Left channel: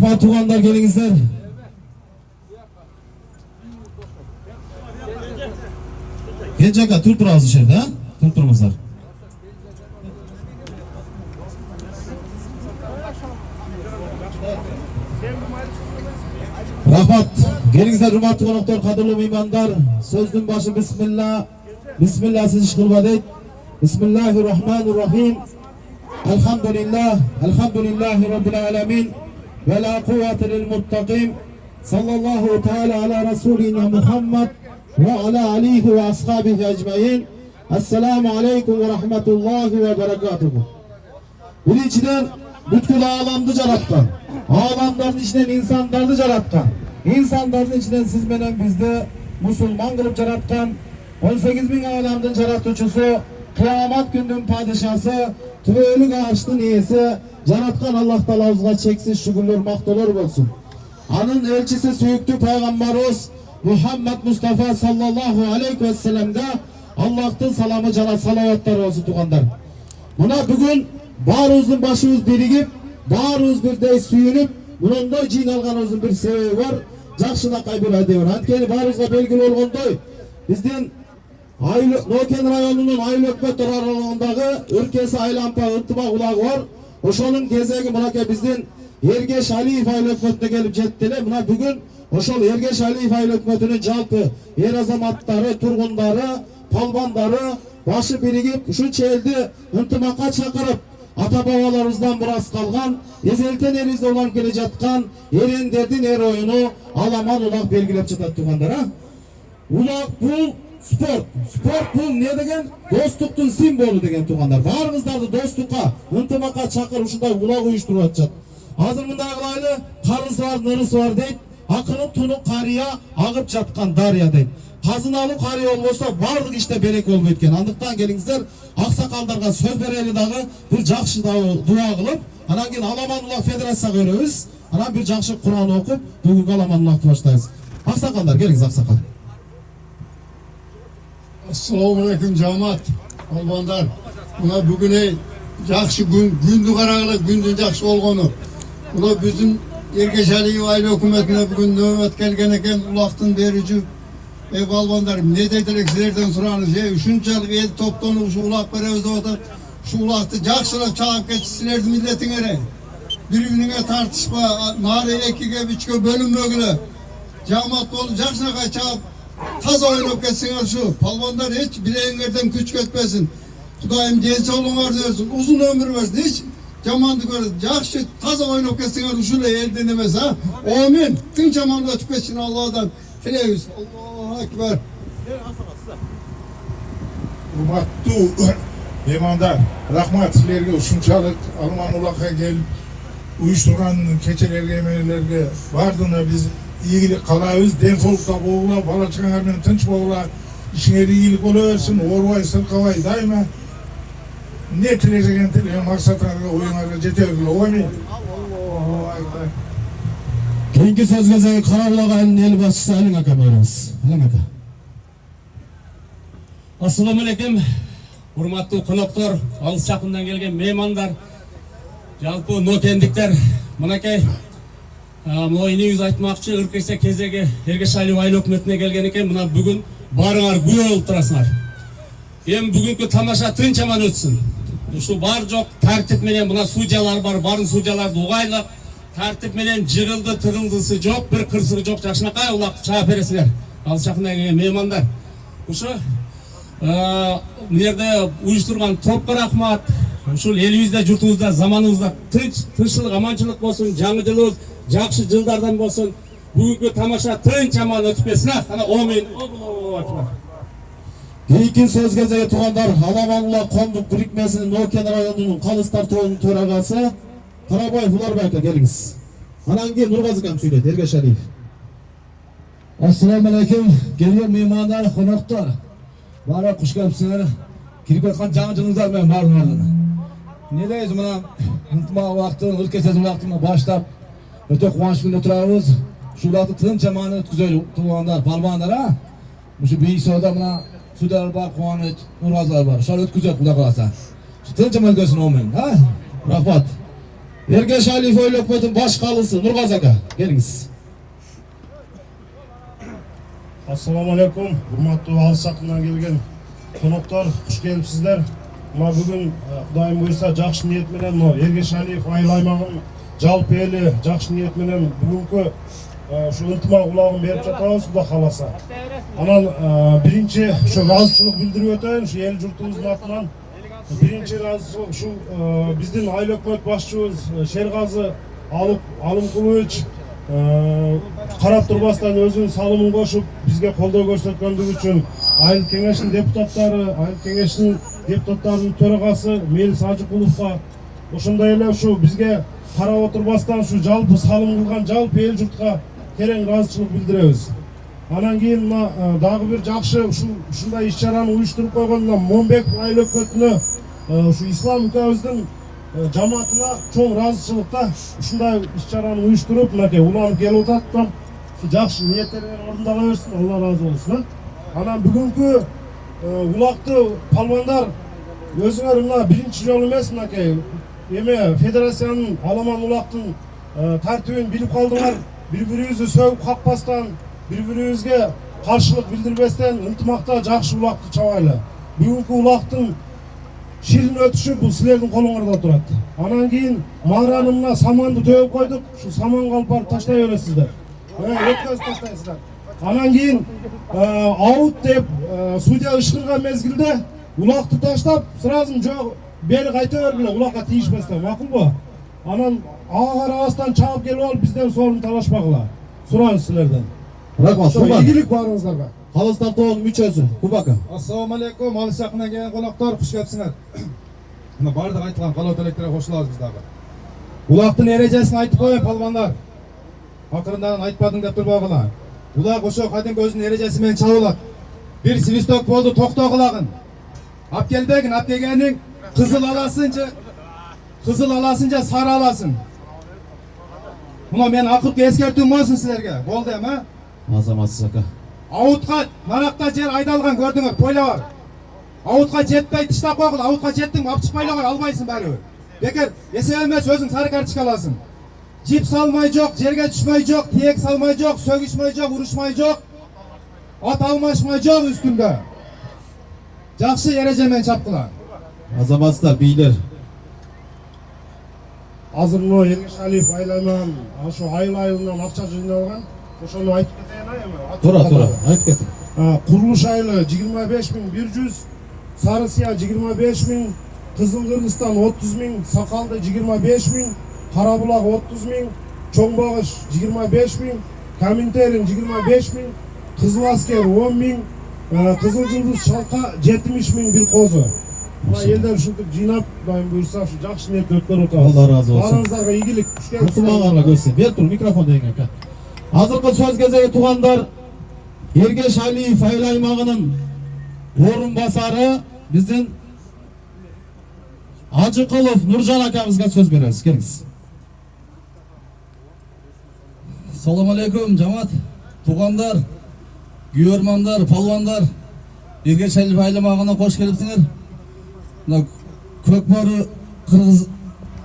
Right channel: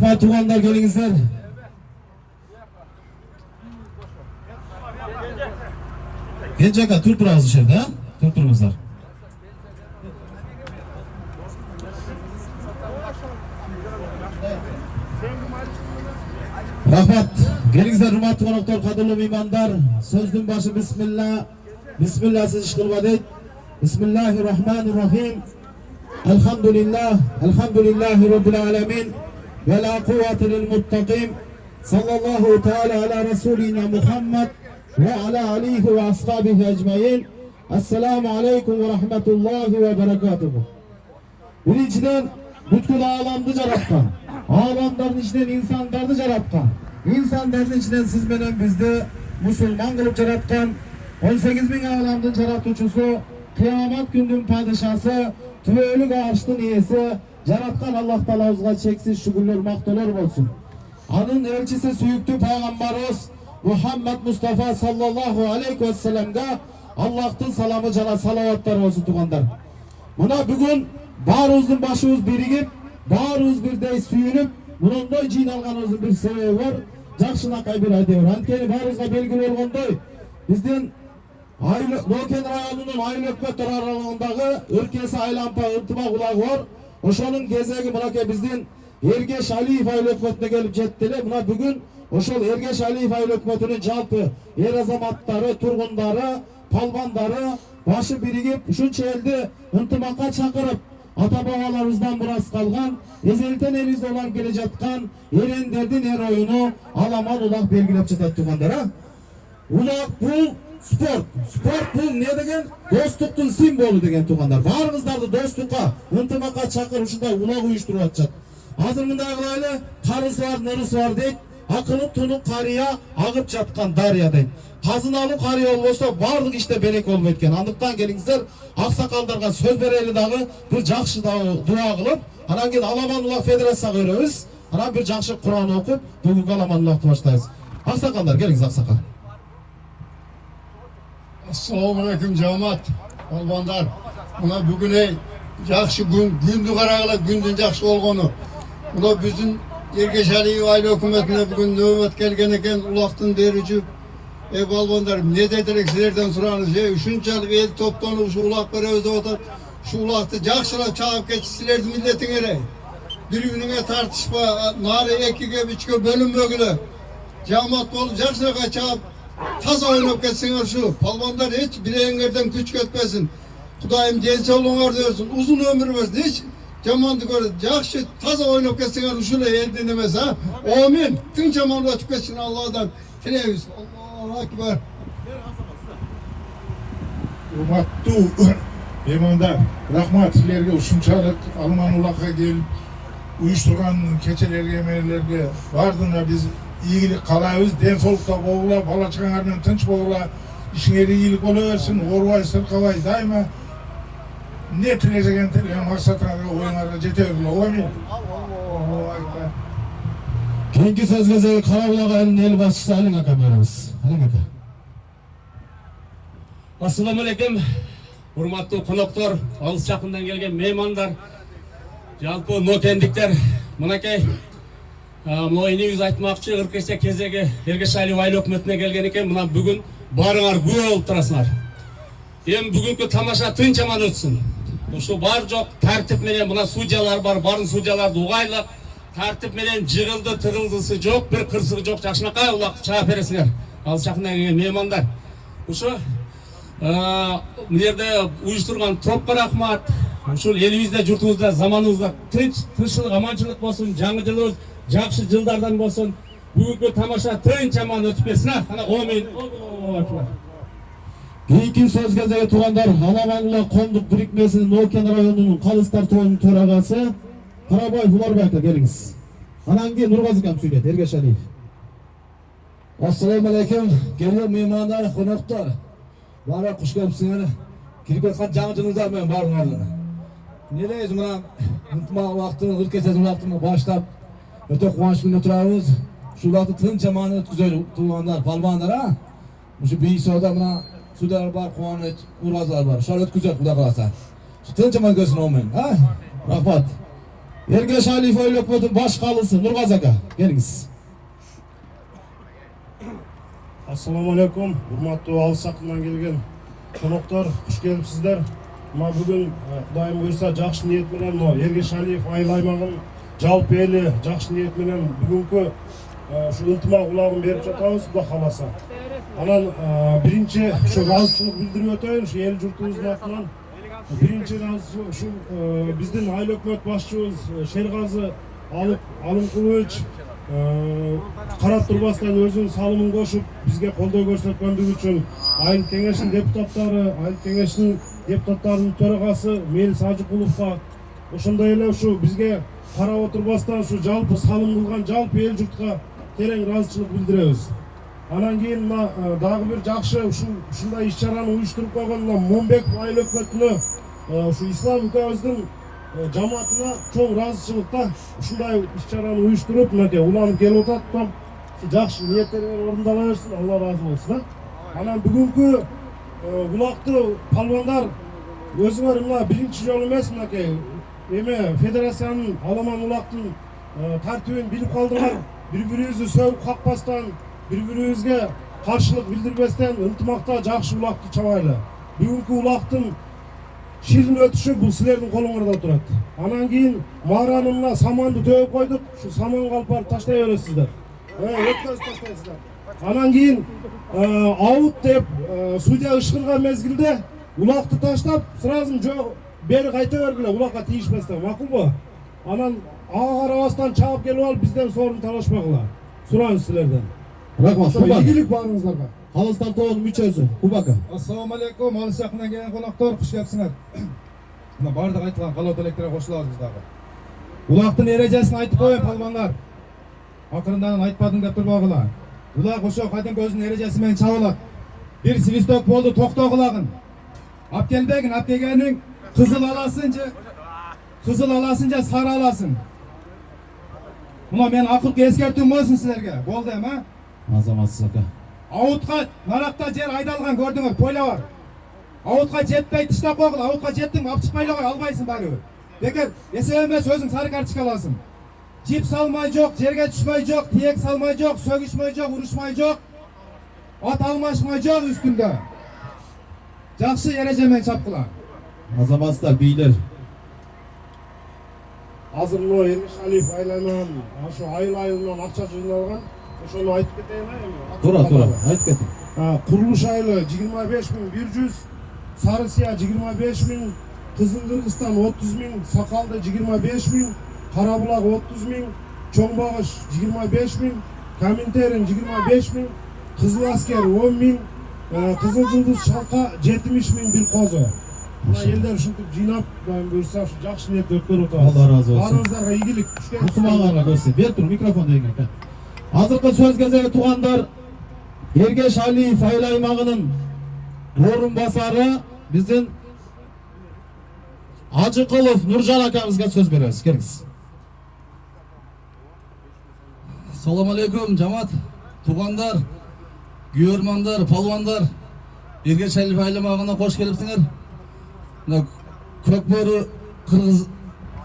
Rahmat tuğanlar gelingizler. Genç aka tur turağız dışarıda ha? Tur turumuzlar. Rahmat. Gelingizler hurmatli konuklar, qadrli mehmonlar. So'zning boshi bismillah. Bismillah siz ish qilib Bismillahirrahmanirrahim. Elhamdülillah. Elhamdülillahi Rabbil alemin. Ve la kuvvete lil muttaqin. Sallallahu teala ala Resulina Muhammed ve ala alihi ve ashabihi ecmain. Esselamu aleyküm ve rahmetullahi ve berekatuhu. Birinçiden bütün alamdı yaratkan. Alamların içinden insanlardı yaratkan. İnsanların içinden siz menen bizde Müslüman kılıp yaratkan. 18 bin alamdın yaratıcısı, kıyamet günün padişası, tüvölük ağaçtın iyisi, yaratkan Allah Teala'ya çeksiz şükürler, mahdolar olsun. Anın elçisi süyüktü Peygamberimiz Muhammed Mustafa sallallahu aleyhi ve sellem'de Allah'tan salamı cana salavatlar olsun tuğanlar. Buna bugün barımızın başımız birigip, barımız birde suyunup, bunun da cin alganımızın bir sebebi var. Жақшына қайбір айдайыр. Анткені барымызға белгілі olғандай, бізден Нокен районының Айлы өкметтер аралығындағы үркесі Айлампа ынтымақ ұлағы бар. Ошолың кезегі мұнаке бізден Ергеш Алиев Айлы өкметіне келіп жеттілі. Мұна бүгін ошол Ергеш Алиев Айлы өкметінің жалпы ер азаматтары, тұрғындары, палбандары başı birigip şu eldi ынтымаққа çakırıp ata-babalarımızdan biraz kalgan, ezelten elimizde olan gele жатқан erenderdin er oyunu alaman ulak belgilep çıtat tuğanlar ha. Ulak bu sport. Sport bu ne degen? Dostluktun simbolü degen tuğanlar. Barımızdardı dostlukka, ынтымаққа çakır uşunday ulak uyuşturup atacak. Hazır mındağılaylı karısı var, nırısı var deyip, akılıp tunuk karıya ağıp жатқан darya deyip. Kazınalı karıya olmasa vardık işte berek olmayı etken. Andıktan gelingizler aksakaldarga söz bereli dağı bir jakşı dua kılıp anan keyin Alamanullah Federasyasiyaga berебиз. Anan bir jakşı Kur'an okup bugünkü Alamanullah başlayız. Aksakallar gelingiz aksakal. Assalamu alaikum cemaat. Albanlar. Buna bugün jakşı gündü karagılık gündün jakşı olgonu. Buna bizim Ergeç Aliyev aile hükümetine bugün nöbet kelgen eken ulaktın derici. Balbanlarım ne dediler sizlerden soranız şunçalık el toplanıp şu ulak berебиз деп атат. Şu ulaktı jakşılap çağıp geçsizlerdi milletin ere. Birbirine tartışma, nari ekiге, üçke bölünmögüle. Cemaat olup jakşınağa çağıp taza oynap geçsinler şu. Palvanlar hiç bileğinlerden güç ketmesin. Kudayım genç olunlar diyorsun, uzun ömür versin. Hiç cemaatı görür, jakşı taza oynap geçsinler şöyle el dinlemez ha. Amin. Tüm cemaatı açıp geçsin Allah'dan. Televiz. Allahu Ekber. Hurmatlı mehmanlar, rahmat sizlerge uşunçalık Almanulak'a gelip uyuşturgan keçelerge, emelerge bardığına biz iyilik kalayız, densolukta boğula, bala çıkanlarının tınç boğula, işinleri iyilik oluversin, orvay, sırkavay, daima ne tileyeceğin tileyeceğin maksatlarına, oyunlarına jetebilirler, olayım. Allahu Ekber. Keyinki sözgözü Karabulak ayının el başçısı Alin Aka berебиз. Alin Aka. Assalamu alaikum. Hurmatlı konuklar, alыс жақындан келген mehmanдар, жалпы нокендиктер, мынакей мына негиз айтмакчы ыркесе кезеги Эргеш Алиев айыл өкмөтүнө келген экен. Мына бүгүн барыңар күбө болуп турасыңар. Эми бүгүнкү тамаша тынч аман өтсүн. Ушу бар жок тартип менен мына судьялар бар, барын судьяларды угайлап тартип менен жыгылды тыгылдысы жок, бир кырсыгы жок. Жакшынакай улак чаап бересиңер. Алыс жакындан келген мehmanдар. Ушу мына уюштурган топко рахмат. Ушул элибизде, журтубузда, заманыбызда тынччылык, аманчылык болсун, жаңы жылыбыз жакшы жылдардан болсун. Бүгүнкү тамаша тынч аман өтүп кетсин. Ana amin. Allahu Ekber. Keyinki sözgözü tuğanlar Alamanullah Konduk birikmesinin Noken rayonunun Kalıstar toyunun töragası Karaboy Fularbeyka geliniz. Anangi Nurgazıkan söyledi Ergeç Aliyev. Assalamu alaikum. Geliyor mehmanlar, konukta. Bana kuş gelipsizler. Kirip etkan жаңы жылыңыздар менен баарыңарды. Ne deyiz buna? Ынтымақ уақытын, ыркесез уақытына баштап өтө кубанычтуу күндө турабыз. Ушул убакытты тынч аман өткүзөлү туугандар, барбаңдар а. Ушу бийсоодо мына судьялар бар, Кубаныч, Нургазылар бар. Ошол өткүзөт Кудай кааласа. Тынч аман өткөзсүн, амин. Рахмат. Ergeş Aliyev Oil Ökmet'in başkalısı Nurgaz aka. Geliniz. Assalamu alaikum. Hurmatlı alыс жакындан келген коноктор, куш келипсиздер. Мына бүгүн Кудайым буйрса жакшы ниет менен мына Эргеш Алиев айыл аймагын жалпы эли жакшы ниет менен бүгүнкү ушу ынтымак улагын берип жатабыз, Кудай кааласа. Анан биринчи ушу ыраазычылык билдирип өтөйүн ушу эл журтубуздун атынан. Биринчи ыраазычылык ушу биздин айыл өкмөт башчыбыз Шергазы Алымкулович карап турбастан өзүнүн салымын кошуп бизге колдоо көрсөткөндүгү үчүн айыл кеңешинин депутаттарынын төрагасы Мелис Ажыкуловго, ошондой эле ушу бизге карап отурбастан ушу жалпы салым кылган жалпы эл журтка терең ыраазычылык билдиребиз. Анан кийин мына дагы бир жакшы ушундай иш-чараны уюштуруп койгондо Момбеков айыл өкмөтүнө ушу ислам укабыбыздын жамаатына чоң ыраазычылыкта ушундай иш-чараны уюштуруп мынакей уланып келип атат. Жакшы ниеттериңер орундала берсин, Алла ыраазы болсун. Анан бүгүнкү улакты палвандар өзүңөр мына биринчи жолу эмес мынакей эме федерациянын аламан улактын тартибин билип калдыңар. Бири-бирибизди сөгүп какпастан, бири-бирибизге каршылык билдирбестен ынтымакта жакшы улакты чабайлы. Бүгүнкү улактын ширин өтүшү бул силердин колуңарда турат. Анан кийин маараны саманды төгүп койдук. Ушу саман калпарды таштай бересиздер. Өткөзүп таштайсыздар. Анан кийин аут деп судья ышкырган мезгилде улакты таштап, сразу жок бери кайта бергиле, улакка тийишпестен, макулбу? Анан ага карабастан чабып келип алып бизден сорун талашпагыла. Сурайбыз силерден. Рахмат. Ийгилик баарыңыздарга. Калыс тартуунун мүчөсү Кубака. Ассаламу алейкум, алыс жакындан келген коноктор, куш келипсиңер. Мына бардык айтылган калоо тилектерге кошулабыз биз дагы. Улактын эрежесин айтып коеюн палвандар. Акырындан айтпадың деп турбагыла. Улак ошо кадимки өзүнүн эрежеси менен чабылат. Бир свисток болду, токтогулагын. Апкелбегин, апкегениң кызыл аласынча сары аласың. Мына мен акыркы эскертүүм болсун силерге. Болду эми? Азаматсыз ака. Аутка наракта жер айдалган көрдүңөр, пойло бар. Аутка жетпей тыштап койгула, аутка жеттиң, алып чыкпайлы кой, албайсың баары. Бекер эсеп эмес, өзүң сары карточка аласың. Жип салмай жок, жерге түшмөй жок, тиек салмай жок, сөгүшмөй жок, урушмай жок, ат алмашмай жок үстүндө. Жакшы эреже менен чапкыла. Азаматсыздар, бийлер. Азыр мына Эргеш Алиев айланан ашу айыл-айылынан акча жыйналган. Ошону айтып кетейин эми. Тура, айтып кет. Курулуш айылы 25.100, Сары Сыя 25.000, Кызыл Кыргызстан 30.000, Сакалды 25.000, Карабулак 30.000, Чоң Багыш 25.000, Каминтерин 25.000, Кызыл Аскер 10.000, Кызыл Жылдыз Шалка 70.000 бир козу. Мына элдер ушинтип жыйнап, Кудайым буйрса ушу жакшы ниетте өткөрүп атабыз. Алла разы болсун. Баарыңыздарга ийгилик. Ушуңарга көрсөт. Бер тур микрофон деген ака. Азыркы сөз кезеги туугандар, Эргеш Алиев айыл аймагынын орун басары биздин Ажыкулов Нуржан акамызга сөз беребиз. Келиңиз. Салам алейкум жамаат, туугандар, күйөрмандар, палвандар, Эргеш Алиев айыл аймагына кош келипсиңер. Мына Көкбөрү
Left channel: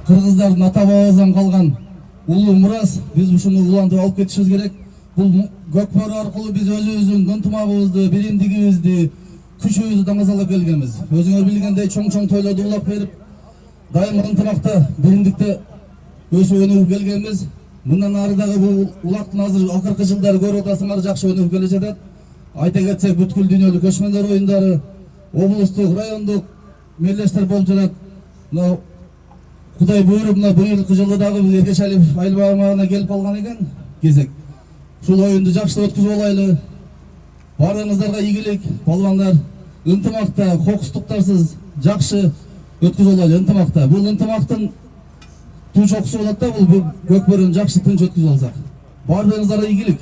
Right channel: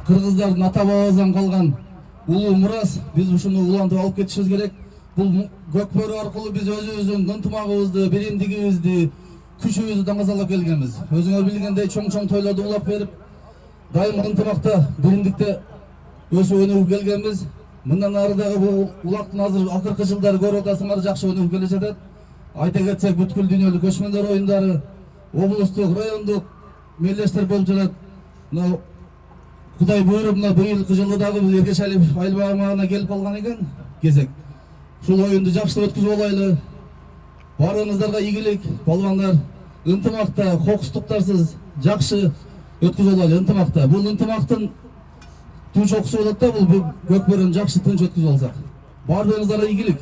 кыргыздардын ата бабабыздан калган улуу мурас, биз ушуну улантып алып кетишибиз керек. Бул Көкбөрү аркылуу биз өзүбүздүн ынтымагыбызды, биримдигибизди, күчүбүздү даңазалап келгенбиз. Өзүңөр билгендей чоң тойлорду улап берип, дайыма ынтымакта, биримдикте өсүп өнүгүп келгенбиз. Мындан ары дагы бул улактын азыр акыркы жылдары көрүп атасыңар, жакшы өнүгүп келе жатат. Айта кетсек, бүткүл дүйнөлүк көчмөндөр оюндары, облустук, райондук мелдештер болуп жатат. Мына Кудай буйруп, мына быйылкы жылы дагы биз Эргеш Алиев айыл аймагына келип калган экен. Кезек. Ушул оюнду жакшы өткүзүп алайлы. Баарыңыздарга ийгилик, палвандар, ынтымакта, кокустуктарсыз жакшы өткүзүп алайлы ынтымакта. Бул ынтымактын тынч окуусу болот да, бул Көкбөрүнү жакшы тынч өткүзүп алсак. Баарыңыздарга ийгилик.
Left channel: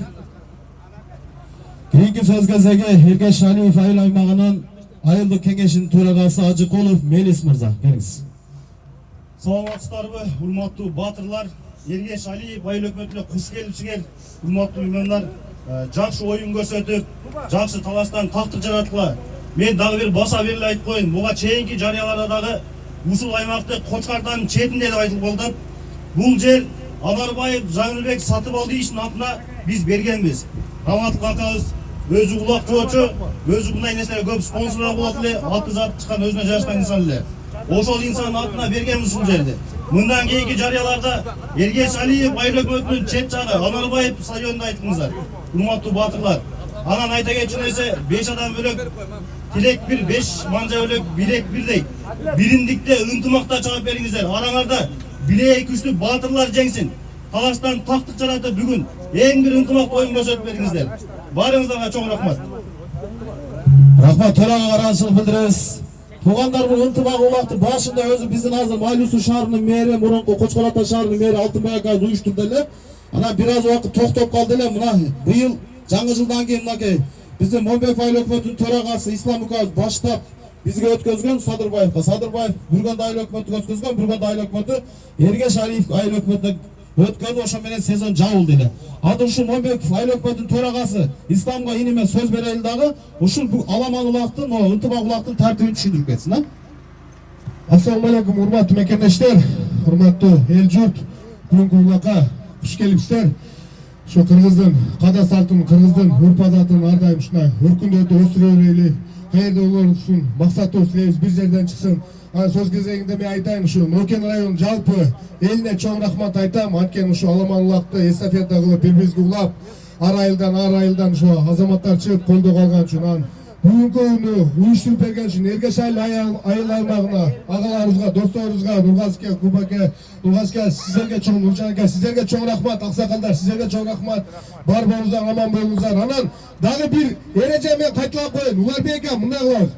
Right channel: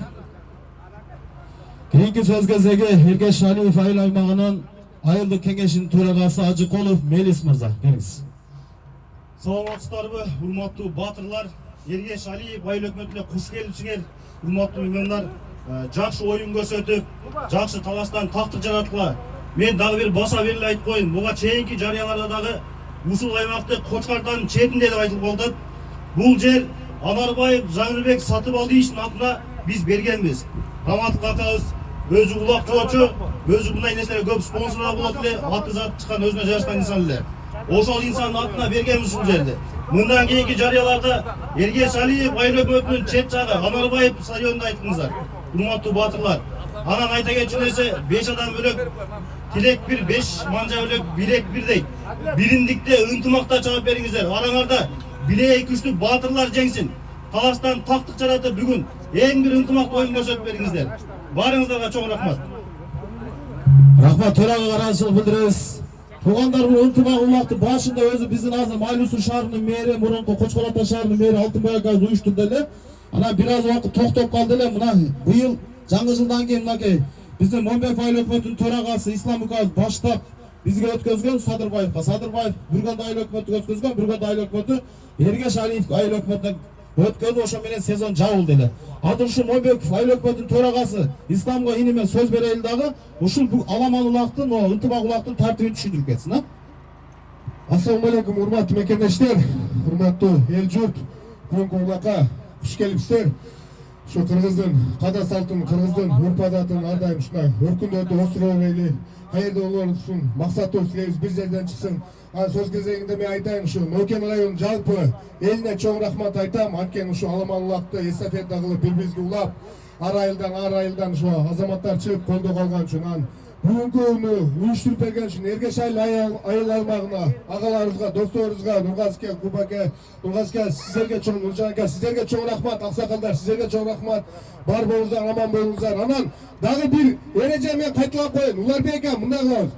Кийинки сөз кезеги Эргеш Алиев айыл аймагынын айылдык кеңешинин төрагасы Ажыкулов Мелис мырза. Келиңиз. Саламатсыздарбы, урматтуу баатырлар. Эргеш Алиев айыл өкмөтүнө куш келипсиңер. Урматтуу меймандар, жакшы оюн көрсөтүп, жакшы талаштан тактык жараткыла. Мен дагы бир баса бериле айтып коеюн. Буга чейинки жарыяларда дагы ушул аймакты Кочкардын четинде деп айтылып калды. Бул жер Анарбаев Жаңырбек сатып алды ишин атына биз бергенбиз. Раматов акабыз өзү улактоочу, өзү мындай нерселерге көп спонсорлор болот эле, аты заты чыккан өзүнө жарашкан инсан эле. Ошол инсандын атына бергенбиз ушул жерди. Мындан кийинки жарыяларда Эргеш Алиев айыл өкмөтүнүн чет жагы Анарбаев стадионунда айттыңыздар. Урматтуу баатырлар. Анан айта кетчү нерсе 5 адам бөлөк тилек бир, 5 манжа бөлөк билек бир дейт. Биримдикте, ынтымакта чыгып бериңиздер. Араңарда билеги күчтүү баатырлар жеңсин. Талаштан тактык жаратып бүгүн эң бир ынтымактуу оюн көрсөтүп бериңиздер. Барыңыздарга чоң рахмат. Рахмат, төрага ыраазычылык билдиребиз. Туугандар, бул ынтымак улактын башында өзү биздин азыр Майлуу шаарынын мэри, мурунку Кочкор Ата шаарынын мэри Алтынбай акабыз уюштурду эле. Анан бир аз убакыт токтоп калды эле. Мына быйыл жаңы жылдан кийин мынакей биздин Момбек айыл өкмөтүнүн төрагасы Ислам акабыз баштап бизге өткөзгөн Садырбаевга. Садырбаев Бүргөнд айыл өкмөтүнө өткөзгөн, Бүргөнд айыл өкмөтү Эргеш Алиев айыл өкмөтүнө өткөзүп, ошо менен сезон жабылды эле. Азыр ушул Момбек айыл өкмөтүнүн төрагасы Исламга иниме сөз берели дагы ушул аламан улактын, ынтымак улактын тартибин түшүндүрүп кетсин, а? Ассаламу алейкум, урматтуу мекендештер, урматтуу эл журт, бүгүнкү улакка куш келипсиздер. Ошо кыргыздын када салтын, кыргыздын урп адатын ар дайым ушундай өркүндөтүп өстүрө берели. Кайерде болорсун, максатыбыз силерибиз бир жерден чыксын. Анан сөз кезегинде мен айтайын, ушу Нокен районунун жалпы элине чоң рахмат айтам. Анткени ушу аламан улакты эстафета кылып бири-бирибизге улап, ар айылдан ушу азаматтар чыгып колдоо калган үчүн, бүгүнкү oyunu уюштуруп берген үчүн Эргеш айыл аймагына, агаларыбызга, досторубузга, Нургазке, Кубаке, Нургазке, сиздерге чоң, Нуржанке, сиздерге чоң рахмат, аксакалдар, сиздерге чоң рахмат. Бар болуңуздар, аман болуңуздар. Анан дагы бир эреже мен кайталап коеюн. Уларбек ака, мындай кылабыз.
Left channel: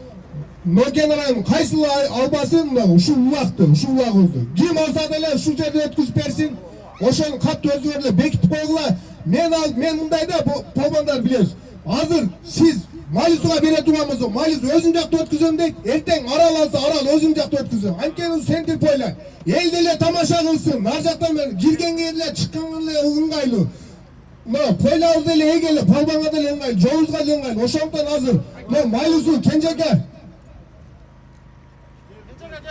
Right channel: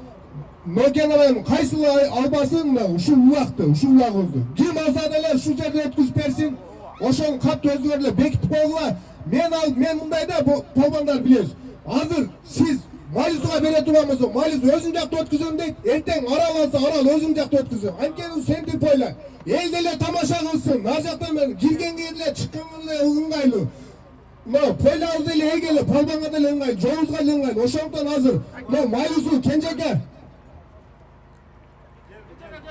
Нокен районунун кайсыл албасын ушул улагыбызды. Ким алса деле ушул жерде өткүзүп берсин. Ошону катты өзүңөр эле бекитип койгула. Мен мындайда полбандар билебиз. Азыр сиз Майлисуга бере турган болсоң, Майлис өзүң жакта өткүзөм дейт, эртең Арал алса, Арал өзүң жакта өткүзөм. Анткени сентип ойлой. Эл деле тамаша кылсын. Нар жактан киргенге эле, чыкканга эле ыңгайлуу. Пойлабыз деле эгеле, полбанга деле ыңгайлуу, жолубузга деле ыңгайлуу. Ошондуктан азыр Майлису Кенжеке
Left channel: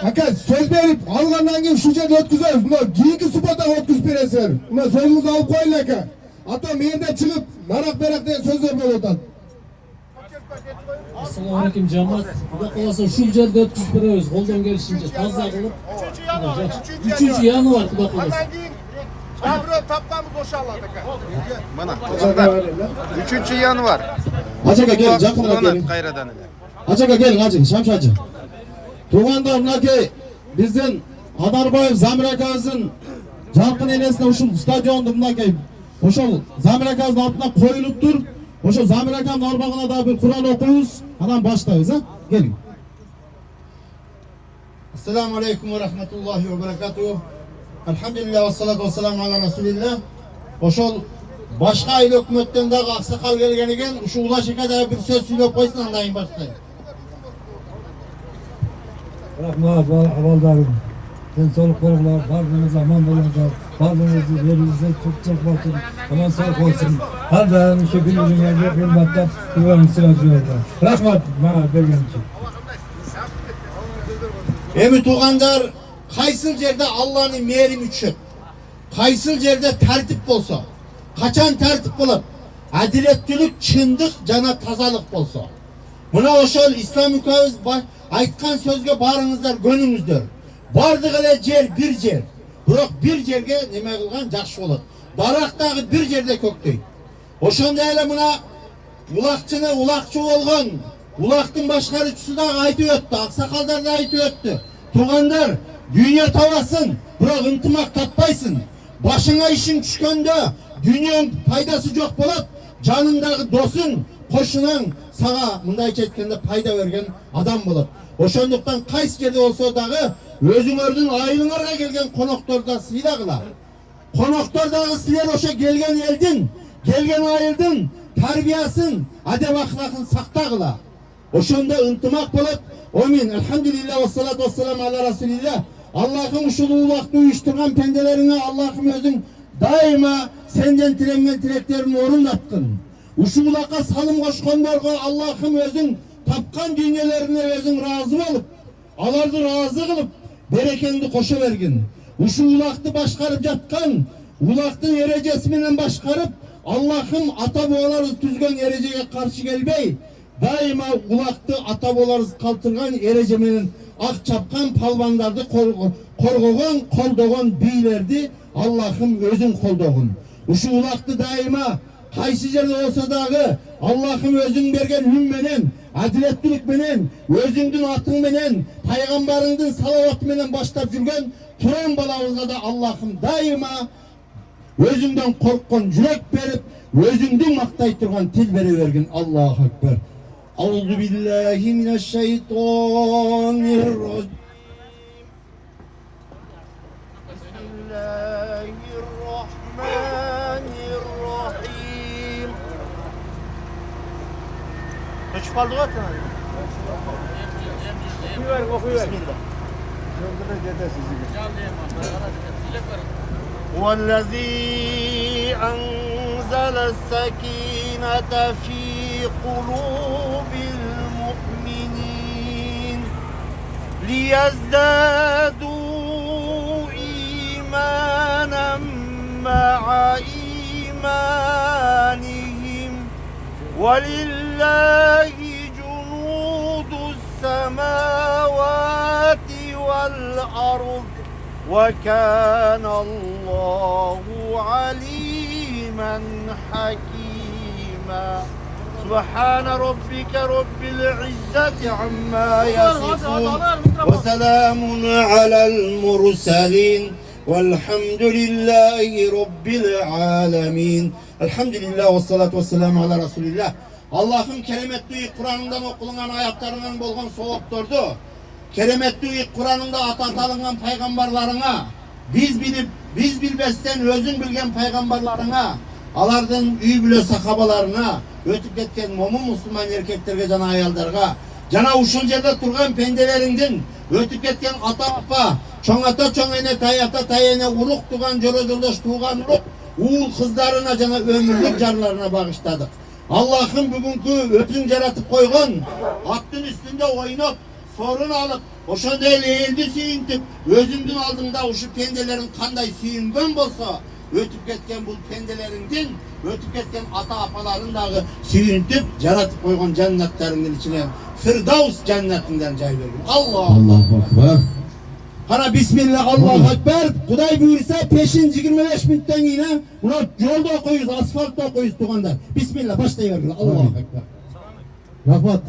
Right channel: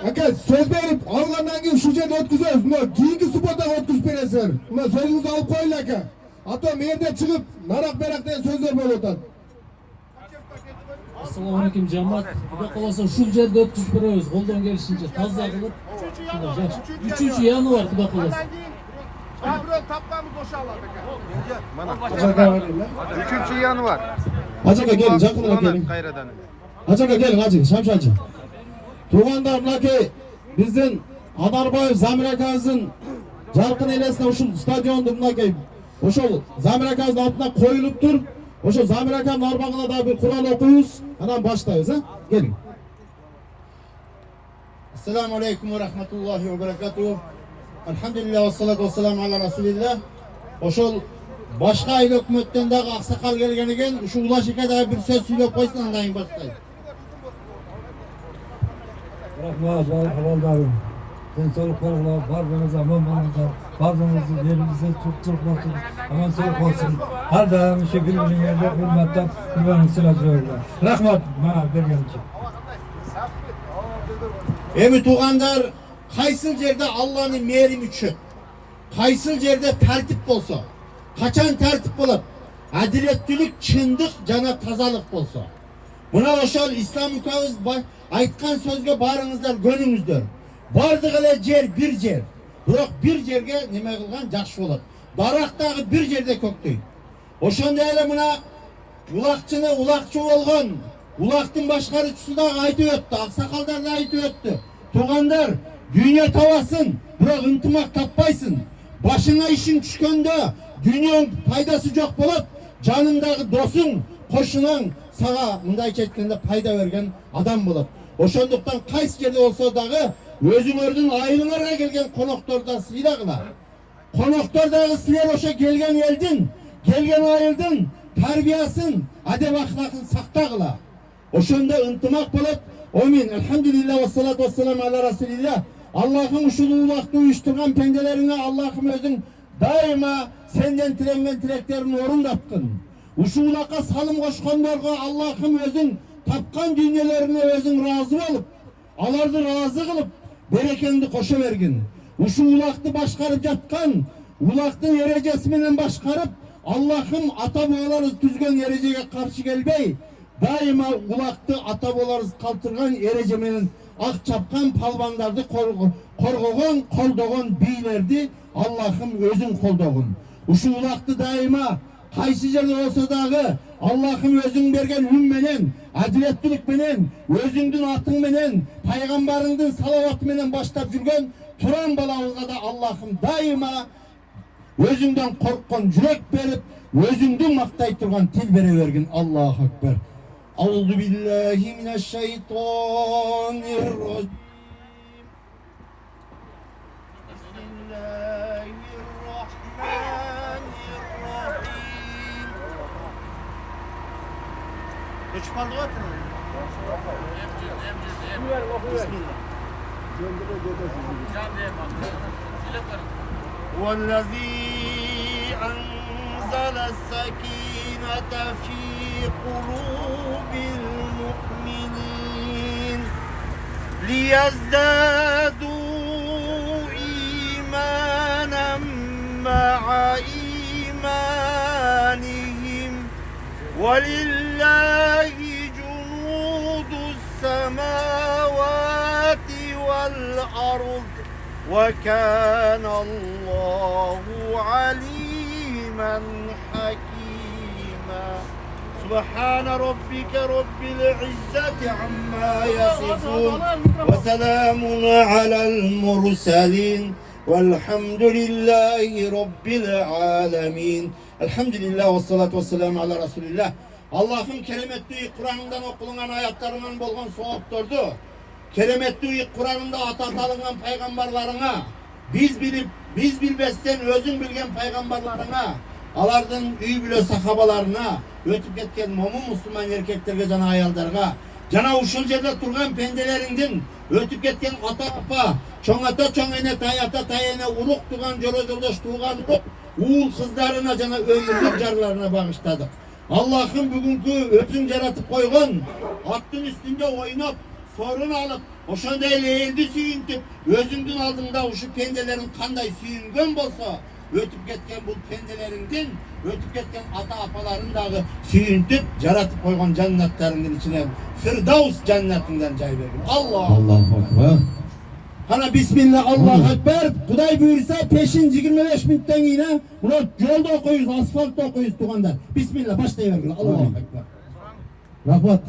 ака сөз берип алгандан кийин ушул жерде өткүзөбүз. Мына кийинки субботага өткүзүп бересиздер. Мына сөзүңүздү алып коелу ака. Ата менде чыгып нарак берак деген сөздөр болуп атат. Assalamu alaikum cemaat. Xudo kalasa ушул жерде өткүзүп беребиз. Колдон келишинче таза кылып. 3 январь Xudo kalasa. Mana tuganda 3 yanvar. Acaba gelin, jakına gelin. Kayradan ele. Acaba gelin, acaba Şamşacı. Tuganda mınakey bizdin Anarbayev Zamir akabızın жалпы элесине ушул стадионду мынакей ошол Замир акабыздын артына коюлуп тур. Ошо Замир акамдын арбагына да бир Кур'ан окуйбуз, анан баштайбыз, а? Келиң. Assalamu alaikum wa rahmatullahi wa barakatuh. Alhamdulillah wa salatu wa salam ala rasulillah. Ошол башка айыл өкмөттөн дагы аксакал келген экен. Ушу Улашеке дагы бир сөз сүйлөп койсун, андан кийин баштайбыз. Рахмат, абалдарым. Денсаулык болуңуздар, баарыңыз аман болуңуздар, баарыңыздын элибизде турчулук болсун, аман саулык болсун. Ар дайым ушу бири-бириңерди урматтап, үйгөнү сыйлап жүрүңүздөр. Рахмат мага берген үчүн. Эми туугандар, кайсыл жерде Алланын мээрими түшөт? Кайсыл жерде тартип болсо? Качан тартип болот? Адилеттүүлүк, чындык жана тазалык болсо. Мына ошол ислам үкөбүз айткан сөзгө баарыңыздар көнүңүздөр. Бардык эле жер бир жер. Бирок бир жерге неме кылган жакшы болот. Дарак дагы бир жерде көктөйт. Ошондой эле мына улакчыны улакчы болгон, улактын башкаруучусу дагы айтып өттү, аксакалдар да айтып өттү. Туугандар, дүйнө табасың, бирок ынтымак таппайсың. Башыңа ишиң түшкөндө дүйнөнүн пайдасы жок болот. Жаныңдагы досуң, кошунаң сага мындайча айтканда пайда берген адам болот. Ошондуктан кайсы жерде болсо дагы өзүңөрдүн айылыңарга келген конокторду сыйлагыла. Коноктор дагы силер ошо келген элдин, келген айылдын тарбиясын, адеп ахлакын сактагыла. Ошондо ынтымак болот. Амин. Алхамдулилlah ва салату ва салам ала расулилlah. Аллахым ушул улакты уюштурган пенделериңе Аллахым өзүң дайыма сенден тиленген тилектерин орундаткын. Ушул улакка салым кошкондорго Аллахым өзүң тапкан дүйнөлөрүңө өзүң ыраазы болуп, аларды ыраазы кылып, берекеңди кошо бергин. uşu ulaqtı başkarıp jatkan, ulaqtı erecesi menen başkarıp, Allah'ım ata babalarız tüzgön erecege karşı gelbey, daima ulaqtı ata babalarız kaltırgan erece menen ak çapkan palvandardı korgogan, koldogan beylerdi Allah'ım özün koldogun. Uşu ulaqtı daima kaysı jerde olsa dağı Allah'ım özün bergen ün menen, adiletlilik menen, özüңdün atың menen, paygambarыңdın salavatı menen başlap жүрген Turan balabızga da Allah'ım daima özüңdөн korkkan yürek berip, özüңdün maktay turgan til bere bergin. Allahu Ekber. Euzu billahi mineşşeytanirracim. Bismillahirrahmanirrahim. Kaç kaldı zaten? Bismillah. هو الذي أنزل السكينة في قلوب المؤمنين ليزدادوا إيمانا مع إيمانهم ولله جنود السماوات والأرض وكان الله عليما حكيما سبحان ربك رب العزة عما يصفون وسلام على المرسلين والحمد لله رب العالمين الحمد لله والصلاة والسلام على رسول الله Allah'ın kelimetli Kur'an'dan okulan ayetlerinin bolgan soğukturdu. Keremetli Kur'an'ında atatalığın peygamberlarına, biz bilbesten özün bilgen peygamberlarına, alardın üy bile sahabalarına, ötüp ketken momun Müslüman erkeklerge cana ayaldarga, cana uşul yerde turgan pendelerinden, ötüp ketken ata apa, çoğ ata çoğ ene tayata tayene uruk tuğan jolo joldaş tuğan uruk, uğul kızlarına cana ömürlük carlarına bağışladık. Allah'ın bugünkü öpsün jaratıp koygun, attın üstünde oynop, sorun alıp, oşanda eğildi suyuntip, özüngdün aldığında uşu pendelerin kanday suyungan bolsa, ötüp ketken bu pendelerinden, ötüp ketken ata apalarındağı suyuntip, jaratıp koygun cennetlerinin içine, Firdavs cennetinden cay verin. Allahu Ekber. Hana bismillah, Allahu Ekber. Kuday buyursa peşin 25 minitten yine bunu yolda koyuz, asfaltta koyuz tuğanda. Bismillah başlayıverin. Allahu Ekber. Rahmat.